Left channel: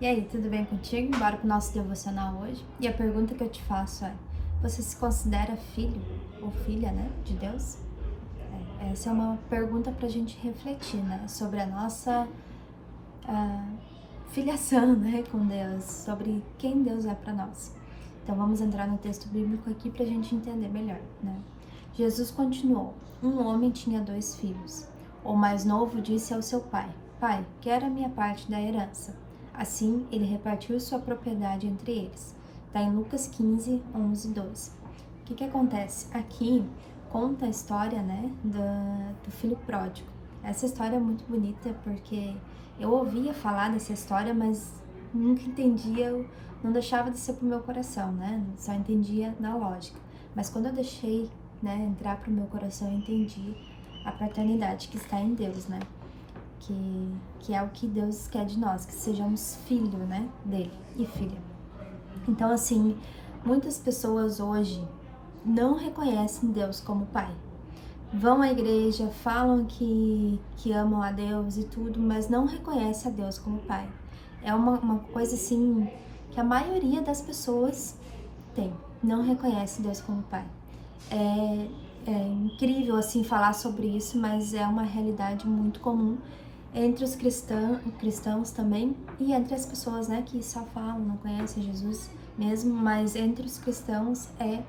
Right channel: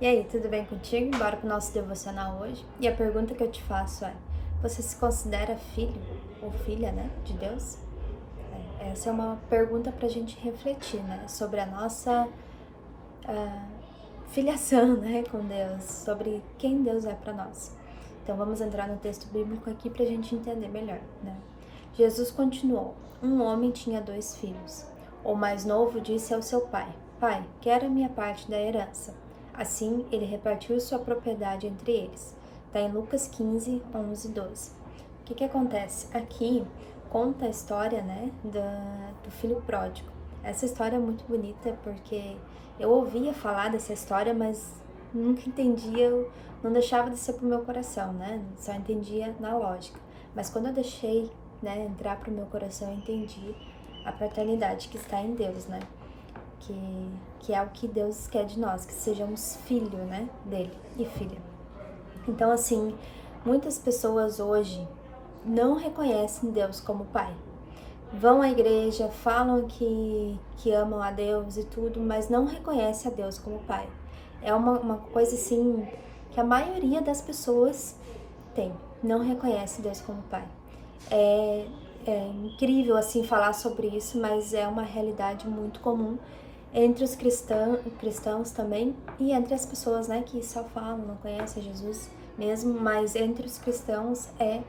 E aí, tudo bem contigo? Bora pro nosso devocional hoje? E a pergunta que eu te faço é: você se considera filho ou filha, né, de Deus? Essa é uma pergunta pra gente refletir, né, sobre a nossa filiação, né, com Deus, sobre quem Deus é pra nós. Então vamos entrar no texto bíblico aqui pra gente entender melhor, né? Jesus continuou: um homem tinha 2 filhos. O mais novo disse ao seu pai: Pai, quero a minha parte da herança. Assim, ele repartiu sua propriedade entre eles. Está em Lucas 15, 11 e 12. O que acontece? Aqui conta a história, né, do filho pródigo. Essa história é muito bonita porque eu ouvia falar dessa história, mas nunca entendia, não deixava de ser pro meu coração, né? Só entendia na lógica. Mas quando eu deixei, né, entrar pro meu coração, eu entendi a paternidade que está em Deus, né? Que é o que Deus quer de nós, que sejamos filho, né, dele e filha. Então, assim, muitas pessoas hoje não reconhecem Deus como pai. Vão à igreja, falam que amam a Deus e tudo, mas não reconhecem a Deus como pai. É uma coisa assim que a maioria das pessoas tem, não reconhece Deus como pai. É, é incrível assim falar sobre isso, mas é uma realidade muito comum entre os cristãos também e entre as pessoas, né, que só falam, não conhecem Jesus mesmo, mas entre os cristãos é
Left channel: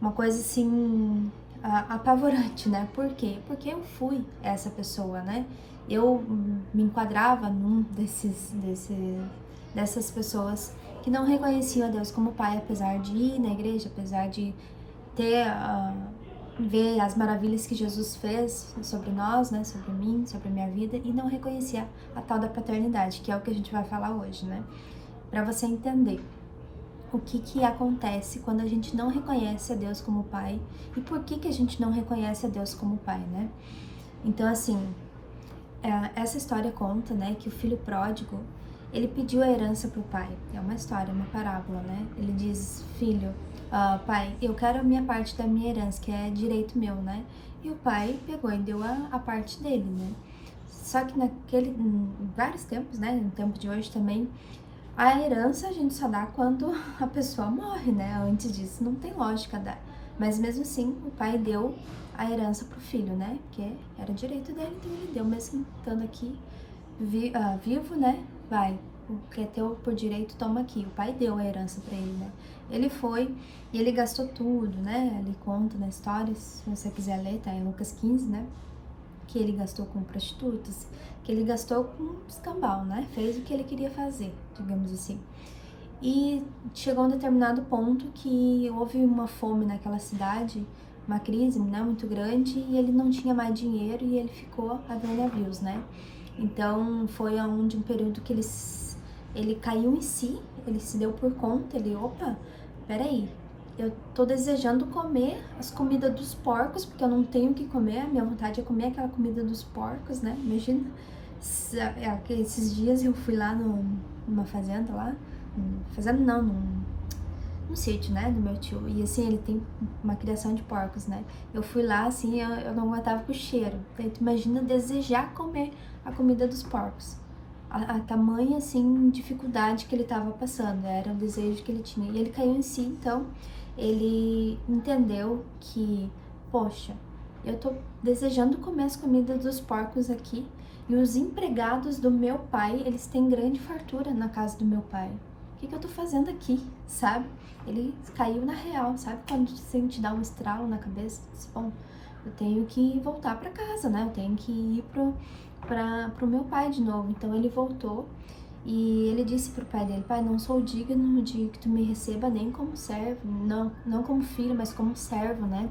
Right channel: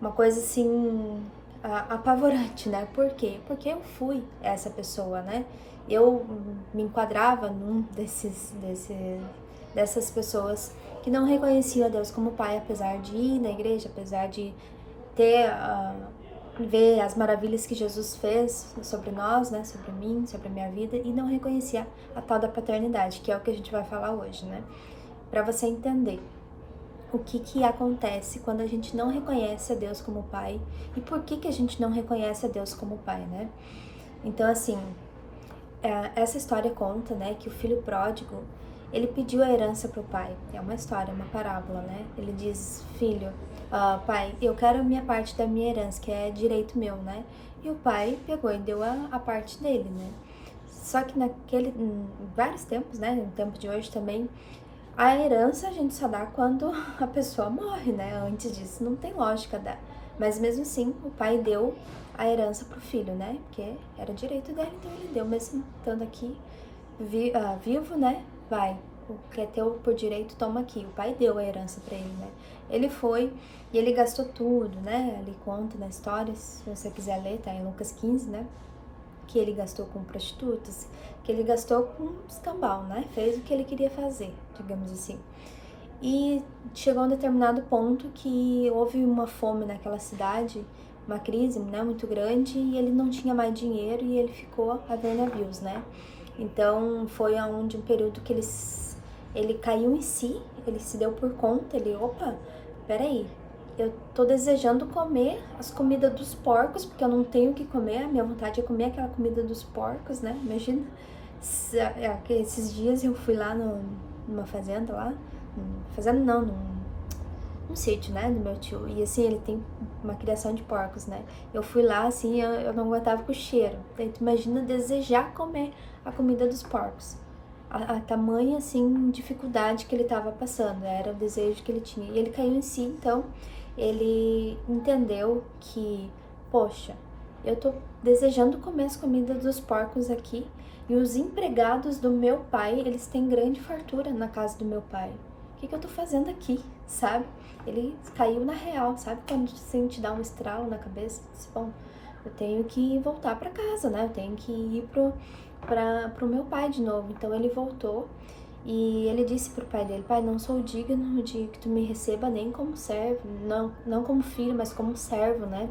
uma coisa assim apavorante, né? Por quê? Porque eu fui essa pessoa, né? Eu me enquadrava dessas pessoas que não reconheciam a Deus como pai, apesar de ir na igreja, apesar de ter ver as maravilhas que Jesus fez sobre nós, né? Sobre mim, sobre a minha vida, e não reconhecia a tal da paternidade, que é o que a gente vai falar hoje, né? Para você entender o que acontece quando a gente não reconhece a Deus como pai e por que a gente não reconhece a Deus como pai, né? Então, assim, essa história conta, né, que o filho pródigo, ele pediu a herança pro pai. É uma história, uma parábola, né? Ele diz: filho, pai, eu quero a minha parte da minha herança, que é direito meu, né? E o pai pegou e deu a parte dele, né? Só que em vários tempos, né, no tempo de hoje também, a herança a gente só dá quando a pessoa morre, né? Antes disso não tem lógica dar. Mas mesmo assim, o pai deu a herança pro filho, né? Porque era direito dele, então ele deu, mesmo estando aqui vivo, né? Vai, o que é teu por direito, toma aqui. O pai deu a herança pra ele, né? Ele foi e ele gastou tudo, né? Ele conta na história, se você quiser ler, tá em Lucas 15, né? Que ele gastou com prostitutas, que ele gastou com escambau, né? Fez o que ele queria fazer, digamos assim. E chegou a um determinado ponto que houve uma fome naquela cidade, uma crise, né, muito grande, e ele não tinha mais dinheiro e ele ficou a ver navios, né? Então foi aonde um período que ele caiu em si, ele se deu por conta, ele, opa, peraí, eu tô desejando comer as comidas dos porcos, porque eu não tenho o que comer, a minha vontade é comer aquela comida dos porcos, né? Imagina, esses dias eu fui lá numa fazenda lá, fazenda não, num sítio, né, do meu tio, e assim, ele tem uma criação de porcos, né? Eu fui lá, assim, eu não aguentava com o cheiro, então tu imagina desejar comer a comida dos porcos. A tamanha, assim, dificuldade que ele estava passando, era o desejo que ele tinha. E ele caiu em si, então ele entendeu que, poxa, eu tô desejando comer as comidas dos porcos aqui e os empregados do meu pai, eles têm grande fartura na casa do meu pai. O que eu tô fazendo aqui, sabe? Ele caiu na real, sabe? Quando assim, te dá um estralo na cabeça, disse, bom, eu tenho que voltar para casa, né? Eu tenho que ir pro meu pai de novo. Então ele voltou e ele disse pro pai dele: Pai, não sou digno de que tu me receba nem como servo, não como filho, mas como servo, né?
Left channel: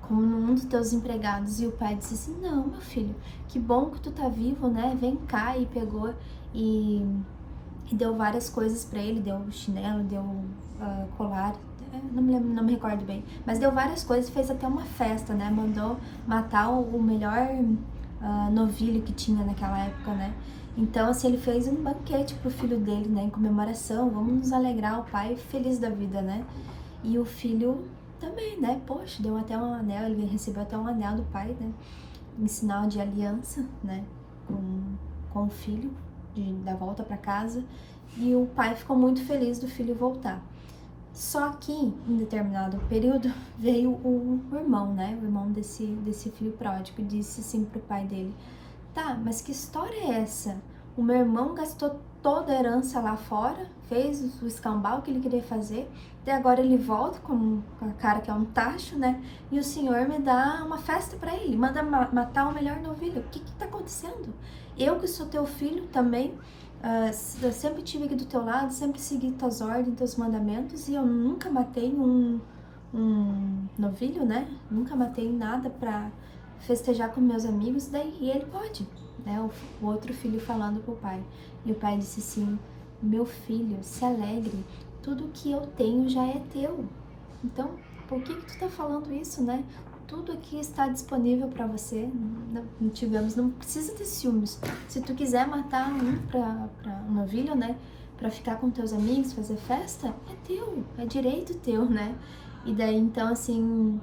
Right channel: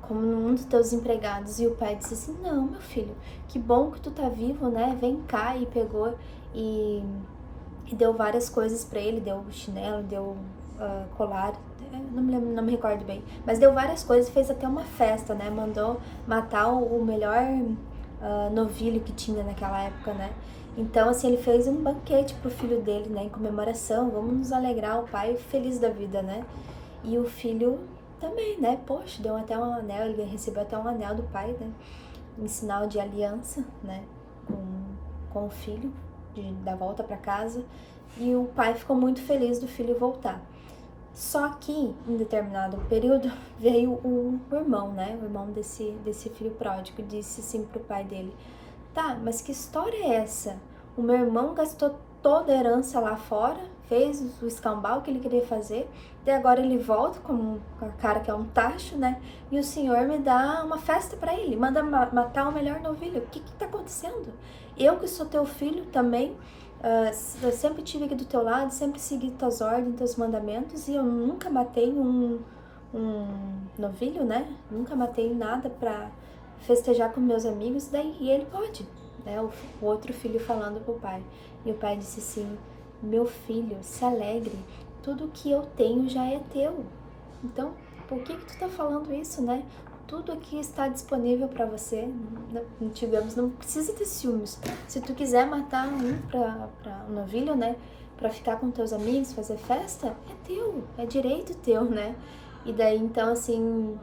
Como um dos teus empregados. E o pai disse assim: Não, meu filho, que bom que tu tá vivo, né? Vem cá. E pegou e, e deu várias coisas para ele: deu chinelo, deu colar. Não me lembro, não me recordo bem, mas deu várias coisas, fez até uma festa, né? Mandou matar o melhor novilho que tinha naquela época, né? Então, assim, ele fez um banquete pro filho dele, né? Em comemoração, vamos nos alegrar, o pai feliz da vida, né? E o filho também, né? Poxa, deu até um anel, ele recebeu até um anel do pai, né? Em sinal de aliança, né? Com o filho. dar volta para casa, e o pai ficou muito feliz do filho voltar. Só que, em determinado período, veio o irmão, né? O irmão desse filho pródigo, disse assim pro pai dele: tá, mas que história é essa? O meu irmão gastou toda a herança lá fora, fez o escambau que ele queria fazer, e agora ele volta com a cara que é um tacho, né? E o senhor me dá uma festa para ele, manda matar o melhor novilho. O que tá acontecendo? Eu que sou teu filho também, eu sempre estive aqui do teu lado, sempre segui tuas ordens, teus mandamentos, e eu nunca matei um novilho, né? Nunca matei nada pra festejar com meus amigos, daí ele pode, né? O outro filho falando pro pai. E o pai disse assim: meu filho, se alegre, tudo que eu tenho já é teu. Então, por que tu tá falando isso, né? Tudo aqui está disponível para você, digamos, não precisa ter ciúmes. Se tu quiser matar um novilho, né, para ficar com teus amigos, fazer festa, é teu, é direito teu, né? E daí, então, assim,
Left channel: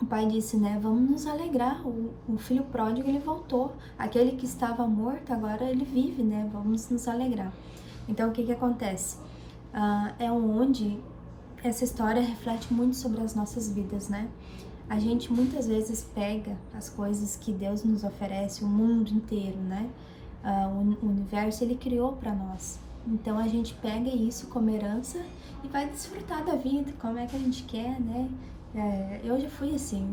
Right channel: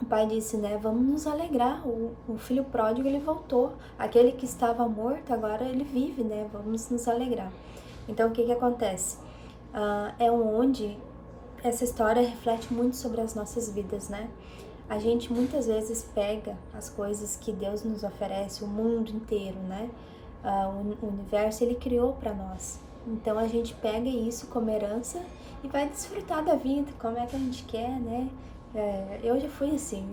o pai disse, né, vamos nos alegrar, o filho pródigo, ele voltou. Aquele que estava morto, agora ele vive, né, vamos nos alegrar. Então, o que que acontece? É onde essa história reflete muito sobre as nossas vidas, né? A gente muitas vezes pega as coisas que Deus nos oferece, o mundo inteiro, né? O universo, ele criou para nós. Então a gente pega isso como herança e vai desfrutar da vida, como é que a gente quer, né? Eu já fui assim,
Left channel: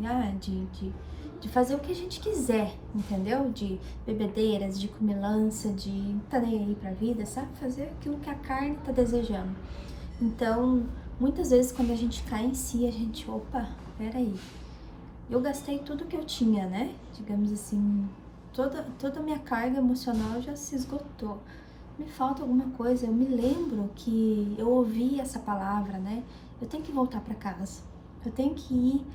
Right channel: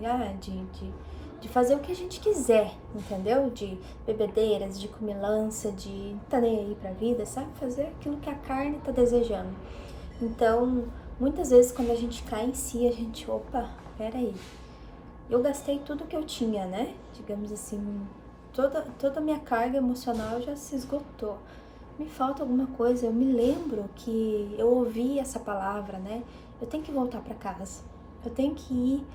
de fazer o que a gente quiser, entendeu? De bebedeiras, de comilança, de tá nem aí pra vida, sabe? Fazer aquilo que a carne tá desejando. Então, muitas vezes quando a gente cai em si, a gente, opa, peraí, eu gastei tudo que eu tinha, né? Digamos assim, toda a minha carga emocional já se esgotou. Me falta alguma coisa. Eu me lembro que eu ouvi essa palavra, né? Eu tenho que voltar para casa. Eu tenho que ir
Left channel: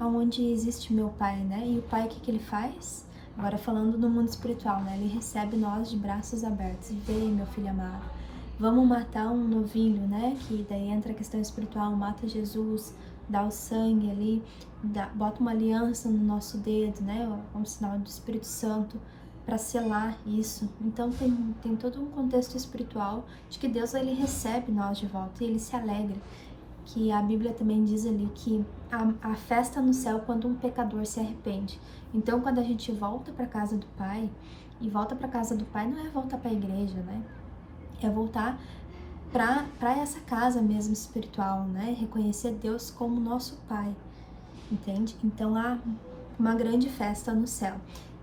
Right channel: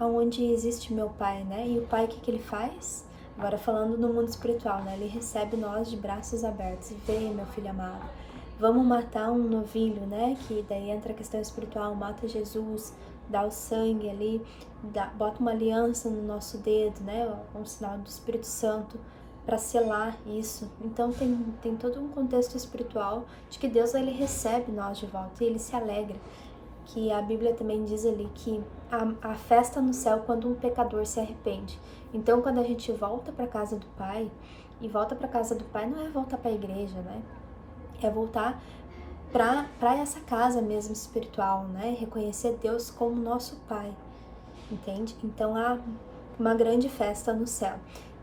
aonde existe meu pai, né? E o pai, o que ele faz? Agora falando no mundo espiritual, né? Ele recebe nós de braços abertos. Vem, meu filho amado. Vamos matar um novilho, né? Que daí entra a questão espiritual. Mata Jesus, dá o sangue ali, bota uma aliança no nosso dedo, né? Um sinal do Espírito Santo para selar isso. Então tem todo um contexto espiritual de que Deus, ele recebe nós de volta e ele se alegra. Que a Bíblia também diz ali que a festa no céu quando um pecador se arrepende. Então, quando a gente volta para casa do Pai, e volta para casa do Pai não é voltar para a igreja, né? É voltar para essa casa mesmo espiritual, né? Reconhecer Deus como nosso Pai, entende? Então há uma grande festa no céu.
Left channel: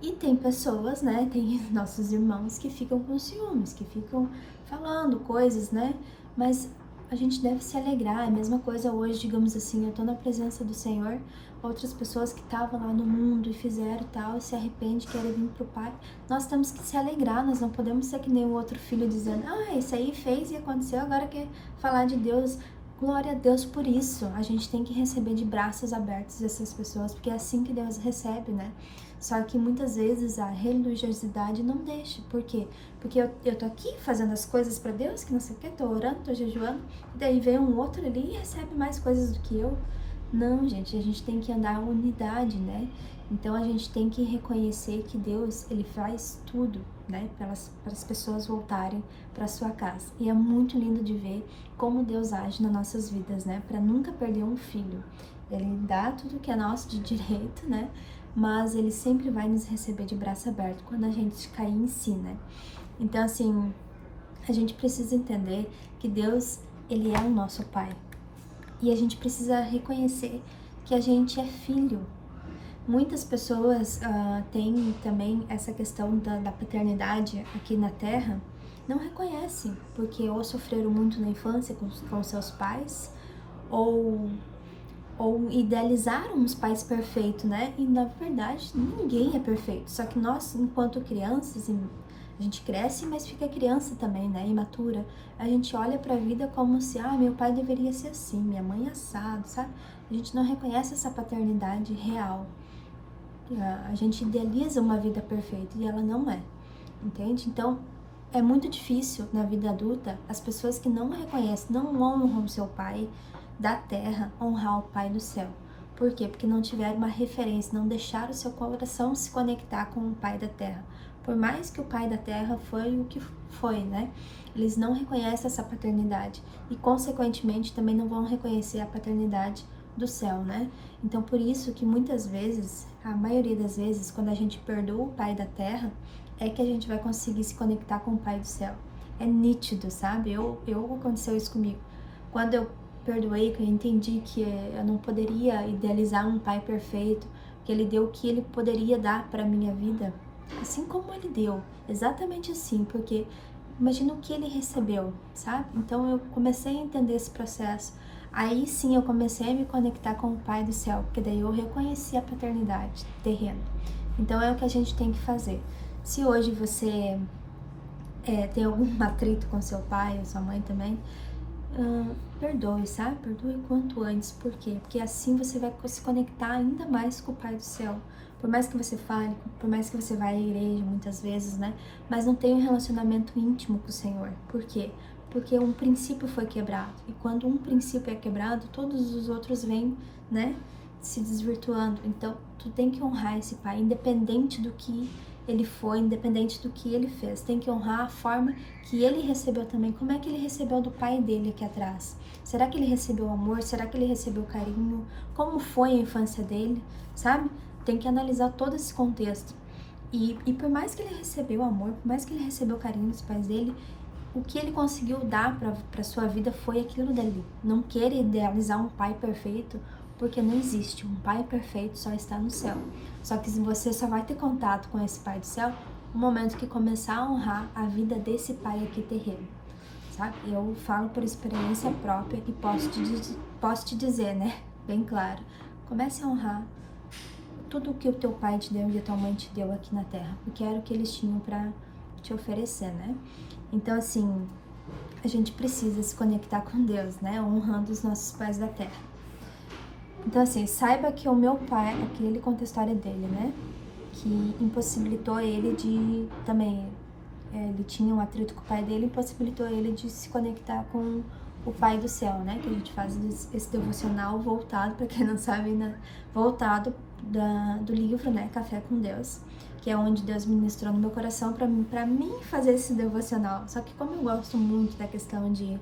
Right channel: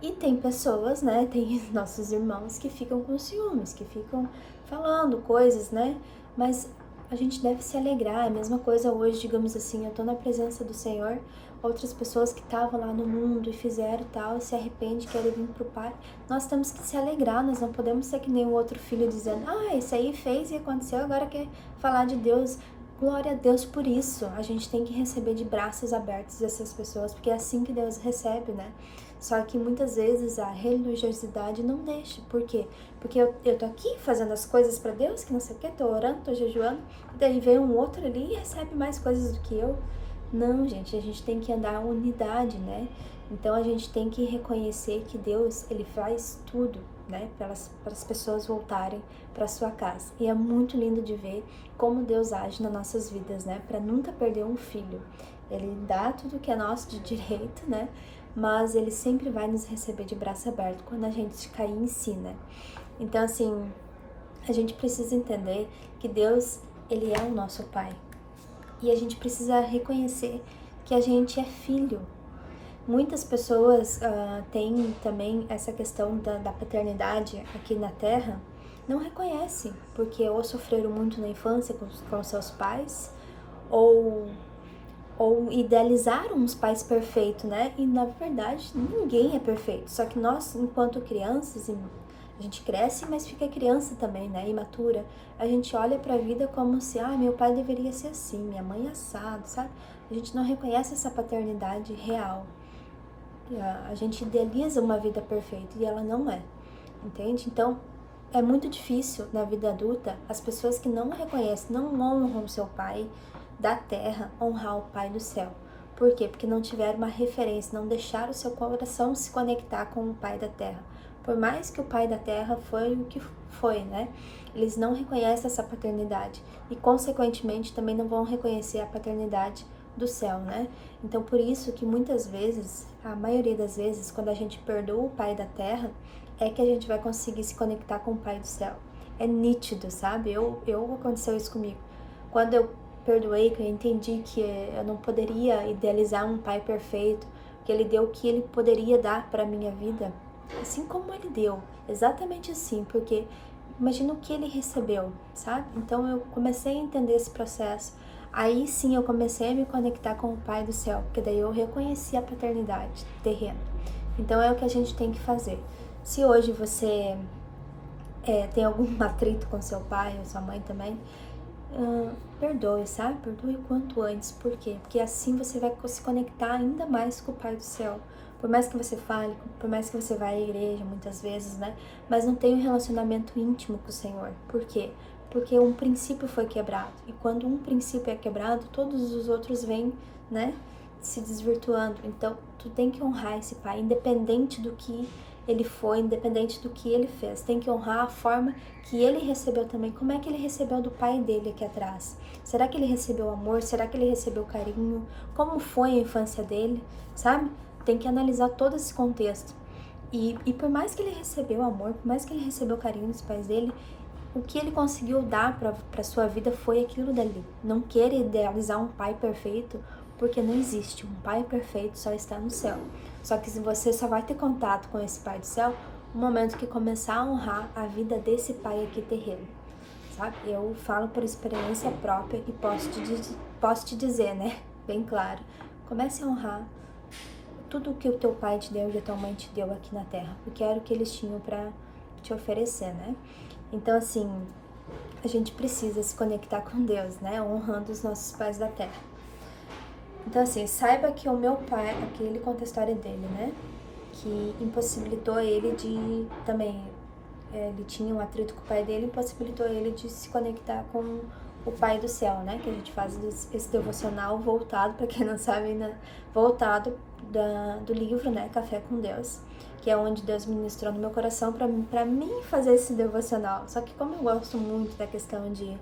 E tem pessoas, né? Tem nossos irmãos que ficam com ciúmes, que ficam falando coisas, né? Mas a gente deve se alegrar. É a mesma coisa hoje, digamos assim, eu tô na presença do Senhor, outras pessoas que estavam lá no mundo e fizeram tal, se arrependem, querem vir pro Pai. Nós temos que se alegrar, nós não podemos ser que nem o outro filho dizendo, esse aí fez e aconteceu, agora quer falar de Deus. Glória a Deus por isso. A gente tem que receber de braços abertos essas pessoas, porque é assim que Deus recebe, né? Só que muitas vezes a religiosidade não deixa. Por quê? Porque eu tô aqui fazendo as coisas para Deus, que não sei o que, tô orando, tô jejuando, e daí vem um outro ali e recebe mais coisas do que eu. Não, gente, a gente tem que andar em unidade, né? Então a gente tem que reconhecer que Deus, ele faz tudo, né? Para as pessoas voltarem para sua casa. E é muito lindo de ver como Deus age nas nossas vidas, né? Para nunca perder um filho. Ele dá tudo que é nosso de direito, né? Mas ele sempre vai nos receber de braço aberto quando a gente cair em si, né? Então, assim, a gente precisa entender que Deus, ele é o nosso Pai. E a gente precisa reconhecer que a gente é filho. Muitas pessoas têm também essa questão da paternidade aqui na Terra, não reconhecem, porque ou sofreram muito na infância com seus pais, ou idealizaram os pais perfeitos, né? E na verdade ninguém é perfeito. Só que nós, enquanto crianças, a gente cresce, mas fica criança também, né? Imatura. A gente olha pra vida como se, meu pai deveria ser assim, minha mãe é assado, sabe? A gente não reconhece essa paternidade real. A gente idealiza uma vida perfeita e ela não é, entende? Então, é muito difícil na vida adulta as pessoas que não reconhecem, não honram seu pai da terra, honrar o pai do céu. Por quê? Porque não tiveram uma referência, não deixaram o seu coração se conectar com o pai da terra. Por mais que o pai da terra foi o que foi, né? Eles não reconhecem essa paternidade e, consequentemente, também não vão reconhecer a paternidade do céu, né? Então, por isso que muitas vezes, a maioria das vezes, quando a gente perdoa o pai da terra, é que a gente vai conseguir se conectar com o pai do céu. É nítido, sabe? Aconteceu isso comigo. Quando eu perdoei, que eu entendi que eu não poderia idealizar um pai perfeito, que ele deu o que ele poderia dar para minha vida, assim como ele deu, exatamente assim, porque imagina o que ele recebeu, sabe? Então eu comecei a entender esse processo. Aí sim eu comecei a me conectar com o Pai do céu, porque daí eu reconheci a paternidade terrena. Então é o que a gente tem que fazer. Se hoje você tem algum atrito com seu pai ou sua mãe também, perdoe, sabe? Perdoe o quanto antes. Por quê? Porque assim você vai se conectar ainda mais com o Pai do céu. Por mais que você fale, por mais que você vá à igreja muitas vezes, né? Mas não tem um relacionamento íntimo com o Senhor. Por quê? Porque um princípio foi quebrado. E quando um princípio é quebrado, todos os outros vêm, né? Se desvirtuando. Então, tu tem que honrar esse Pai, independente do que ele foi, independente do que ele fez. Tem que honrar a forma que ele recebeu também. Como é que ele recebeu do pai dele aqui atrás? Será que ele recebeu amor? Será que ele recebeu carinho? Como foi a infância dele? Sabe? Tem que analisar todo esse contexto. E por mais que ele recebeu amor, por mais que ele recebeu carinho dos pais dele, o que ele conseguiu dar para sua vida foi aquilo dali. Não queira idealizar um pai perfeito, porque não existe. Um pai perfeito só está no céu. Só que você só vai ter contato com esse pai do céu no momento que começar a honrar a vida desse pai aqui terreno, sabe? Eu falo por experiência própria e posso te dizer, né? Bem claro. Comece a honrar tudo o que o teu pai te deu e a tua mãe te deu aqui na terra, porque era o que eles tinham para te oferecer, né? Então, assim, a gente precisa se conectar com Deus, né? Honrando os nossos pais da terra. Então, assim, saiba que o meu pai, aqui ele conta a história dele, né? Que impossibilitou ele de também, ele tinha um atrito com o pai dele, impossibilitou ele de se conectar com o Pai do Céu, né? Que a gente faz esse devocional voltado, para quem não sabe, né? Voltado do livro, né? Café com Deus, que é onde Deus ministrou no meu coração para mim fazer esse devocional. Só que como eu gosto muito da questão de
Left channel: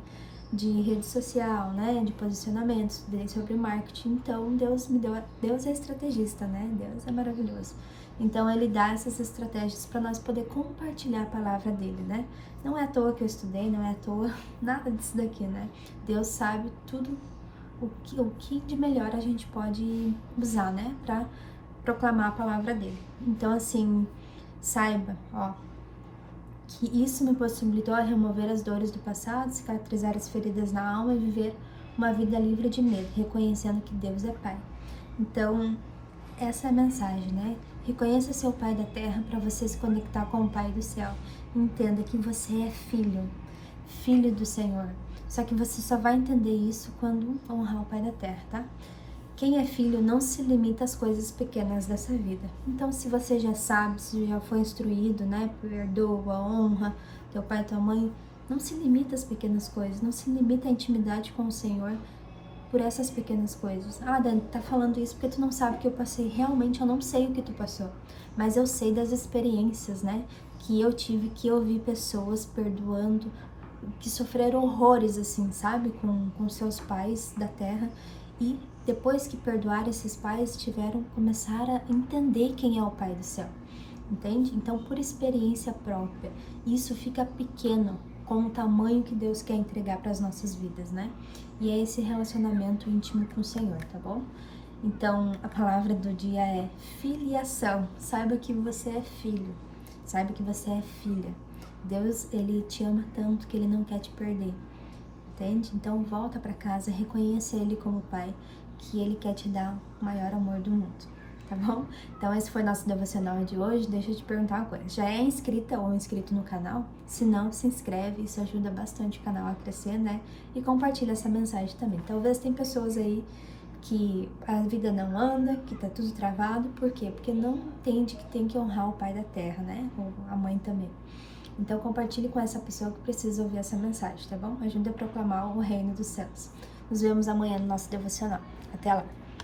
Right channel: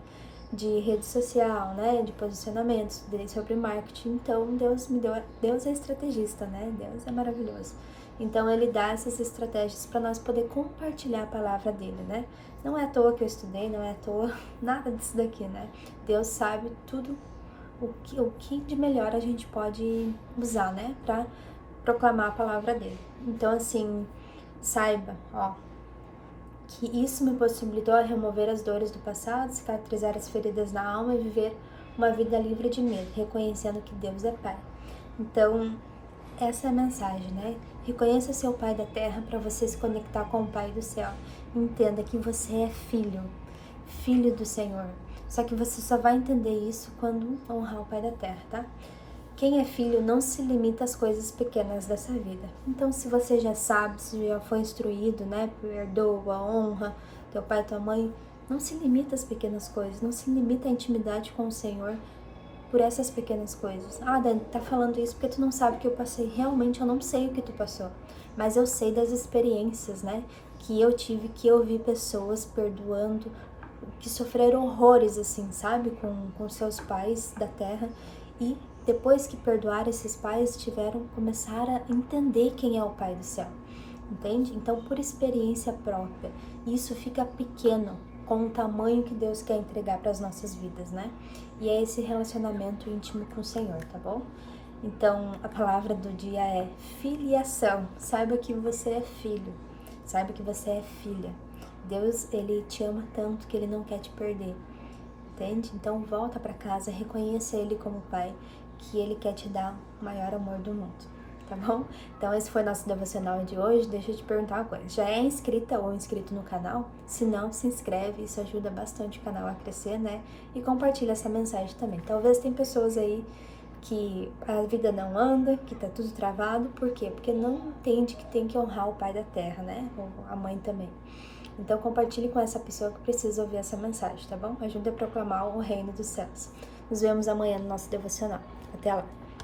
rede social, né, de posicionamento, estudei sobre marketing, então Deus é estrategista, né, Deus é maravilhoso. Então ele dá essas estratégias para nós poder compartilhar a palavra dele, né. Não é à toa que eu estudei, não é à toa nada disso daqui, né. Deus sabe tudo o que de melhor a gente pode usar, né, para proclamar a palavra dele. Então assim, saiba, ó, que isso me possibilitou a remover as dores do passado, cicatrizar as feridas na alma e viver uma vida livre de medo, reconhecendo que Deus é Pai. Então, essa é a mensagem, né? Reconheça seu Pai da terra para você se conectar com o Pai do céu. Entenda que você é filho, filho do Senhor. Só que você só vai entender isso quando honrar o Pai da terra, tá? Quem é filho não se limita às coisas pequenas dessa vida. Então, se você já sabe, se já foi instruído, né, perdoa, honra teu pai e tua mãe, não se limita às pequenas coisas, não se limita à intimidade com o Senhor por essas pequenas coisas. Ah, Dani, tá falando isso porque tu não sabe o que eu passei. Realmente, eu não sei o que tu passou, mas eu sei das experiências, né, que eu tive, que eu vi pessoas perdoando, que sofreram horrores, assim, sabe, com seus pais da terra, e depois que perdoaram esses pais, começar a entender quem é o Pai do céu, entende? Então, por experiência própria, isso fica pequeno com o tamanho que Deus quer entregar para as nossas vidas, né? E é esse relacionamento íntimo com o Senhor, tá bom? Então, a palavra do dia é filiação. Saiba que você é filho, saiba que você é filha. Deus, ele te ama tanto que ele não quer te perder, entende? Então volta para casa, reconheça ele como pai, que ele quer te dar o maior amor do mundo, tá bom? Então esse foi nosso devocional de hoje. Deixa eu te perguntar uma coisa, já é inscrita ou inscrito no canal? Se não, se inscreve, isso ajuda bastante o canal a crescer, né? E compartilha essa mensagem também. Talvez tem pessoas aí que a vida não anda, que tá tudo travado, por quê? Porque não entende que tem que honrar o pai da terra, né? Ou a mãe também. Então compartilhe com essa pessoa que precisa ouvir essa mensagem, tá bom? Ajude a proclamar o reino dos céus. Nos vemos amanhã no nosso devocional. Até lá!